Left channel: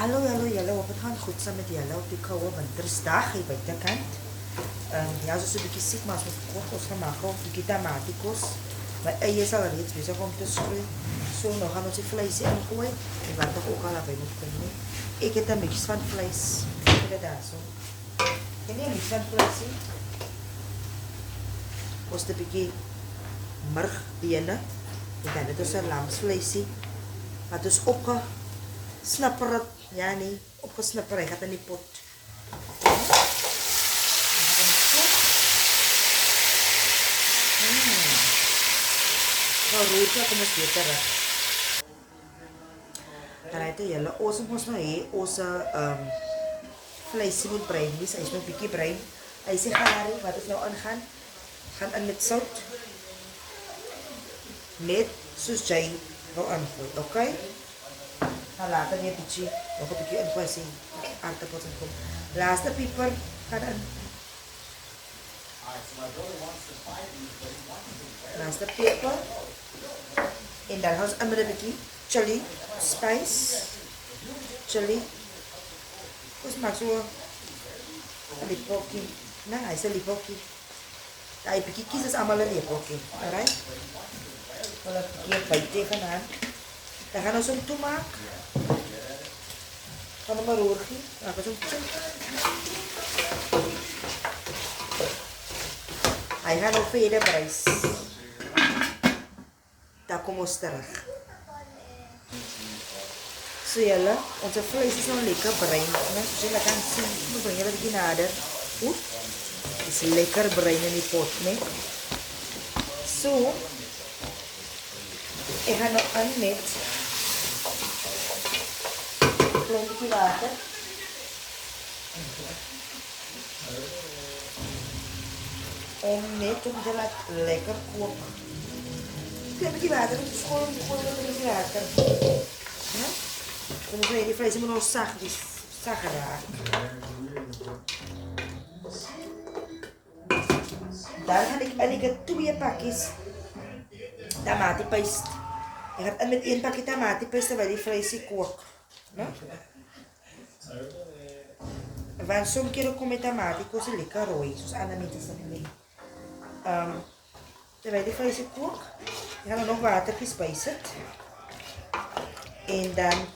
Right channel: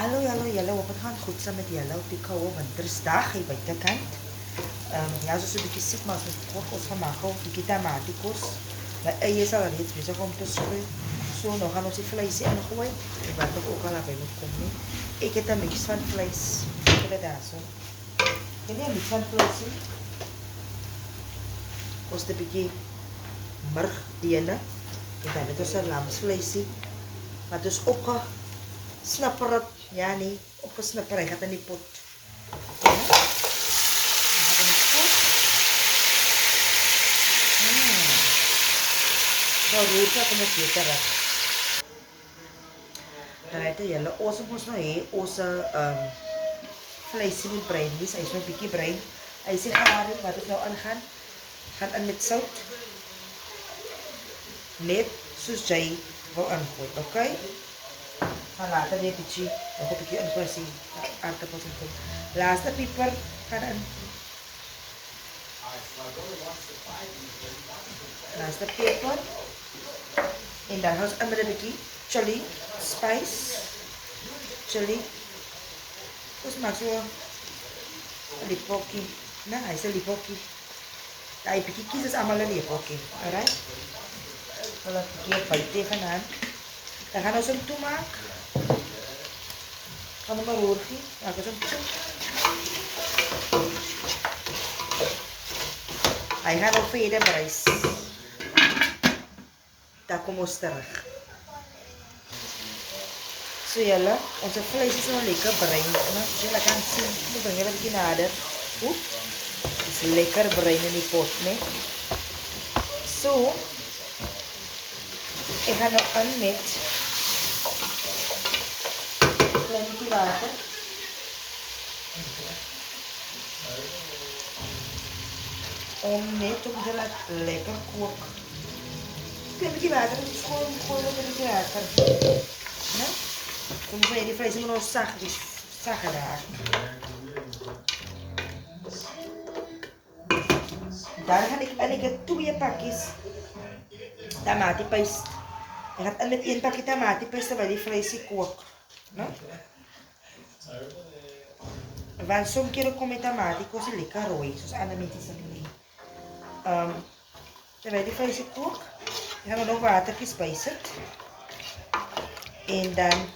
Hallo, hallo julle, hoop het gaan goed saam met julle op die koue wintersdag hier buitekant. Ja, so 'n bietjie siek, maar as ons kook, ons gaan maak 'n bietjie tamatikos. My eie is al reeds besig om te skroei. So, nou gaan ons die vleisie ingooi en wat ook al naby moet kom nie. Ek het 'n mix van vleis. Kyk daar so. Dit is 'n mix van vleisie. Ons het 'n bietjie murgbene en dan het ons 'n lamsvleisie wat ons opgesnapper het. Ja, nee, opgesnapper. Hy gaat in die pot. Ja. Dan gaan we in die pot. Nou roer kom ons weer terug. Dan het julle, ons moet nou hê, ons vleisie moet bruin wees. Hy is nou 'n bietjie bruin. Hy is gaar, wat ons nou aangaan. Gaan in met sout. Net soos jy wil aangooi, okay? Dan later weer bietjie, nog 'n bietjie ingooi sien. Aardappels en kom. Laaste pieper gaan in. Laaste pieper. En dan gaan ons in met 'n bietjie chili spice. Chili. Dus maak so 'n lipokie. Nee, hy is 'n lipokie. Daai bietjie kies is almal 'n lipokie. Alright? Hulle het baie tegenaan. Dan gaan ons hom toemaak. Gaan hom maar roergie. Maak ons hom toe. Hy gaan nog verder bruis. Dan kom ons terug. So julle, onze vlees is nog lekker bruin. As julle kan sien, moet bring julle 'n bietjie nader. Oep. Is lekker bruin in die pot, né? So, ik ga nog aan met een klein beetje water. Om net om te laten lekker koken. Een klein beetje water, dus gooi wat een beetje water. Ja? Dan moet je die vlees moet nog zacht raken. Dan ga ik het 2 pakjes tomatenpaste. Ik ga met 1 pakje tomatenpaste terwijl die vlees kookt. No? Want soms keer kom met tomatenpaste is lekker rooi, zoals andere mensen zeggen. Terwijl die vlees kookt, gaan we nog watertjes spijzen. En dan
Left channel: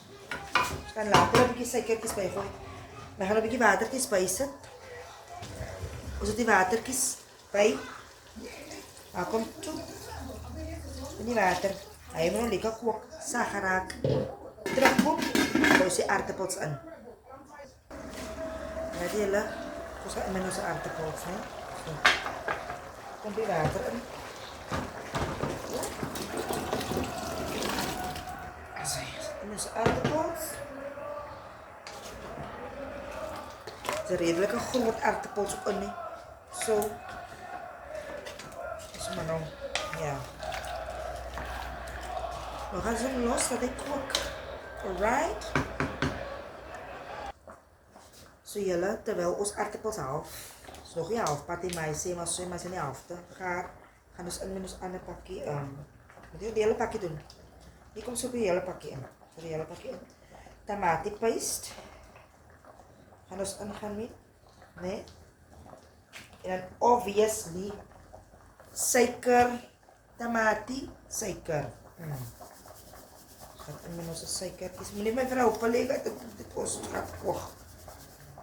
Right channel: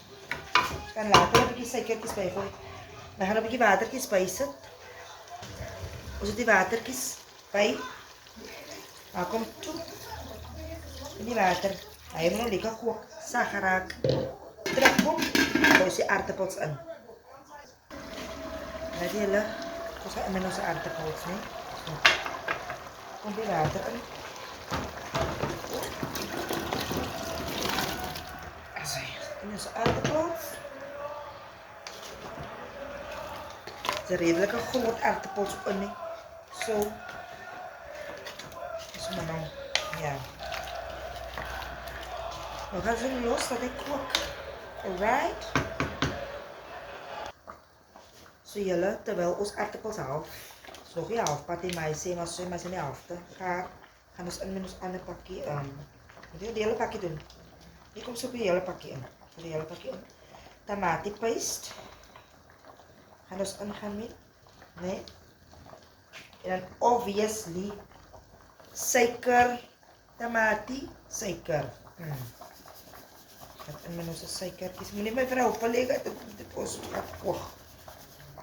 gaan later een beetje suikertjes bijgooien. Dan gaan we een beetje watertjes spijzen. We zetten die watertjes bij. Dan komt toe. In die water. Hij moet nog lekker koken. Zacht raak. Terugkom. Dan is die aardappels in. Ja, die hele. Dus gaan we in onze aardappels. Zo. Komt die water in. En onze aardappels. Het is een redelijke groot aardappels in. Zo. Dus maar nou, ja. We gaan zo los dat ik kook. Alright. Zo jullie, terwijl ons aardappels half. Zo geen half patty maar zo maar zijn half te gaan. Gaan dus in met ons andere pakje. Moet je die hele pakje doen. Die komt zo op je hele pakje in. De hele pakje in. Tomatenpaste. Gaan dus ingaan mee. Nee. En dan obviously suiker, tomatie, suiker. Gaat in met onze suikertjes. Moet niet mijn vrouw opleggen, dit ons gaat koken.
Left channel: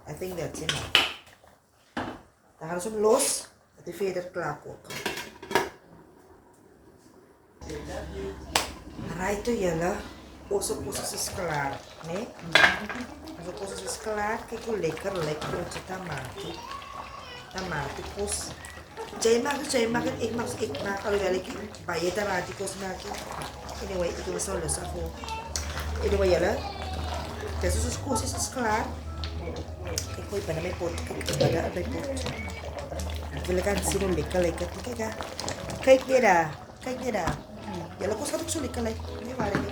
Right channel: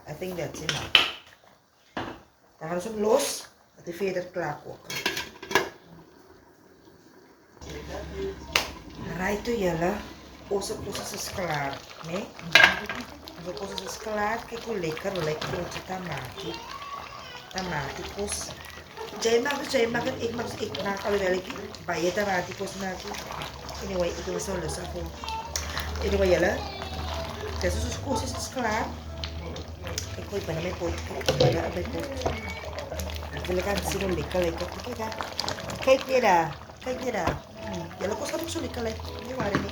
I think that's enough. Dan gaan we hem los, dat hij verder klaar koken. Right to jullie, onze koos is klaar. Nee? Onze koos is klaar. Kijk hoe lekker onze tomatie. Tomatikos. Jij maakt het, ik maak alhoewel ik bij je tomatikos maak. Anyway, ik doe het zo lustig voor. Anyway, jullie. Dus onze koos is klaar. Ik gooi bijna mijn pot. Kijk, bijna op mijn pot. Ik wil het aan zien hoe lekker. Kijk daar. Kijk weer daar. Jullie koos gaat ook zo lekker. Nee, maar niet.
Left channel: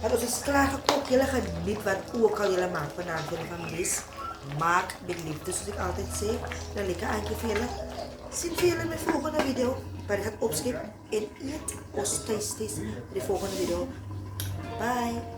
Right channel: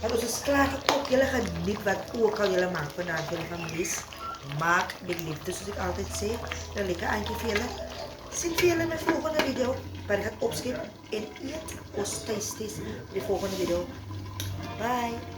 Het is klaar gekookt. Jullie gaan niet wat ook al jullie maken vanavond jullie families. Maak met liefde, zoals ik altijd zeg. Dan lekker aangeven. Zien jullie in mijn volgende video. Waar ik ga opschieten en eet ons thuis in de volgende video. Bye.